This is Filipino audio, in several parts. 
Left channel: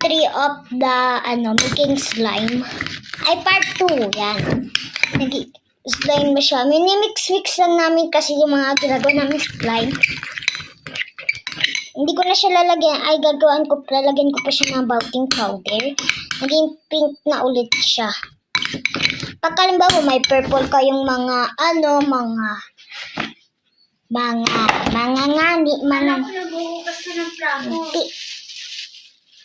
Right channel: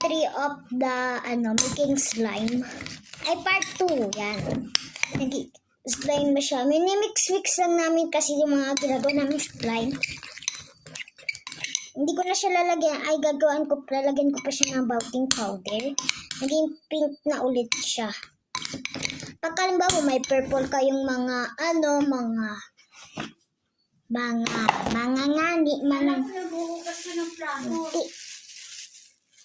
3 of the making slime. Ay, part 2. Yan. Nag-slime na siya. Minimix-mix lang namin kasi yung mga ginagawa namin slime. Hindi ko na siya lalagyan. Ay, lalagyan ko pa siya ng baking powder. Naging pink na ulit siya. Pagkalimbawa may purple kayong mga Nagbubukas ka ng plato.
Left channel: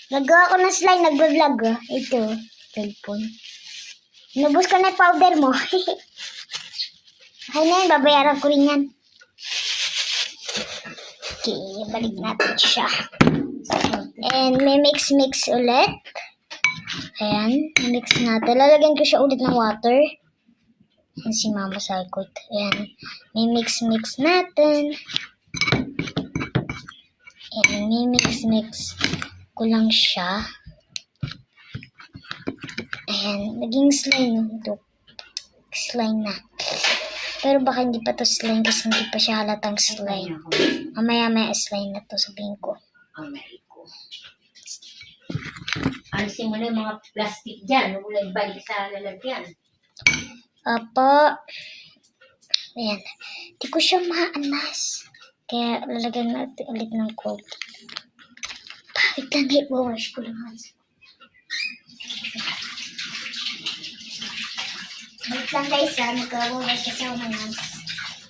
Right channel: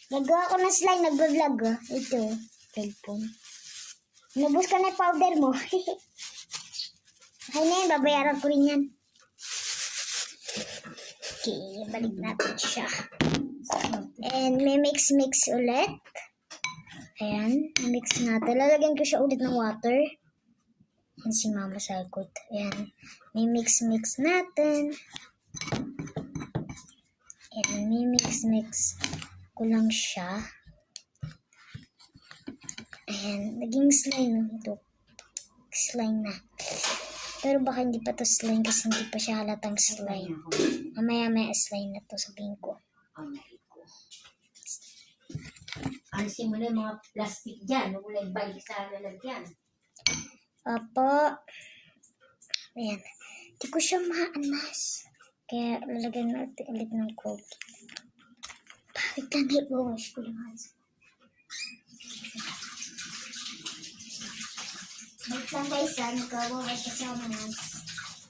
Nagawa ko ng slime, nagbablog. Ito, cellphone. Nabus ko na yung powder mo. Ay na yun, babayaran ko rin yan. Okay, balik natin siya. And may mix ulit. Ayan, mix natin. Lalagyan ko siya ulit ng water. Ayan si Mama Sagot. Ayan, may mix natin. Ayan, may mix ko lang siya. Ayan, naging slime. Ito, slime na. Pero baka hindi pa to slime kasi hindi pa siya halatang slime. Mamaya slime na to, sabihin ko. Alisin mo na yung mga plastic dyan. Huwag mo lang ibalik sa lalagyan. Apo. Ayan. Di ko siya maanas. Kaya lalagyan natin ulit ng cold. Bakit lang i-wash ko lang. Wait lang guys ha. Nag-wash kasi ako ng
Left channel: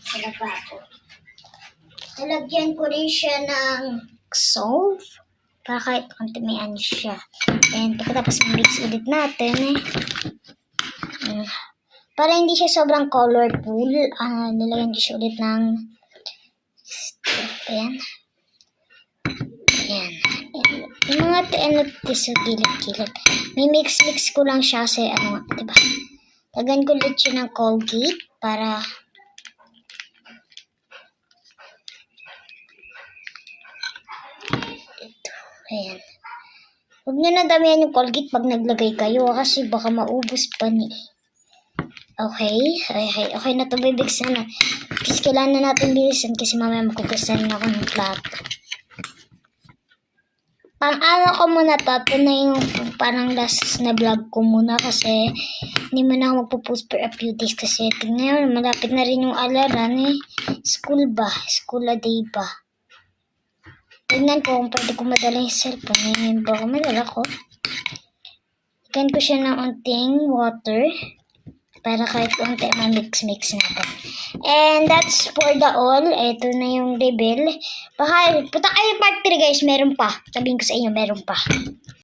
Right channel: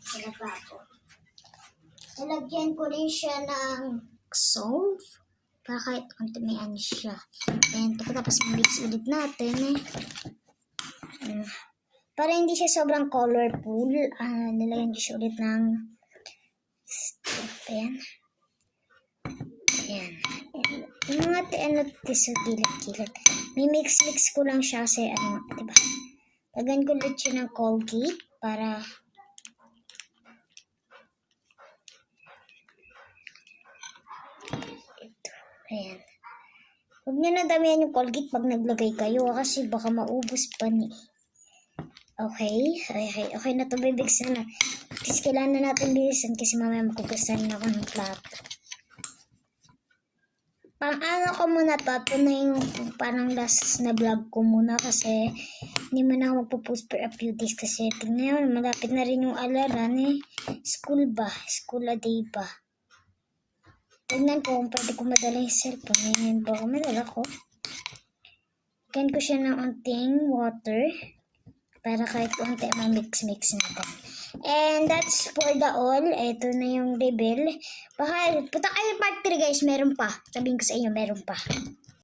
sa lababo. Lalagyan ko rin siya ng soap. Para kahit konti may ano siya. And pagkatapos mix ulit natin para hindi siya sobrang colorful, nilagyan ko siya ulit ng ayan. Yung mga sa gilid-gilid. May mix ko lang siya kasi diba? Lagyan ko ulit siya ng Colgate para ayan. Huwag nyo na damihan yung Colgate pag naglagay kayo kasi baka maubos pa ni. Okay na ito, bibigsan na. Kasi kailangan na natin bilisan kasi mamaya magkukusan na ako ng plato. Pang-ano ko muna to. Ito na yung parang last na vlog ko muna kasi hindi mo na ako magpo-post for a few days kasi tingnan nyo, malapit na rin yung alaran School a day ba? Tingnan ko kung pwede ko madala yung cellphone. Baka madala ko. Lagyan ko siya ng unting water para kahit unti ma-mix natin. And that's for the all. Ito na yung reveal. Baka, punta kayo part 3 guys. Meron pa. Sabihin ko sa inyo, meron pa.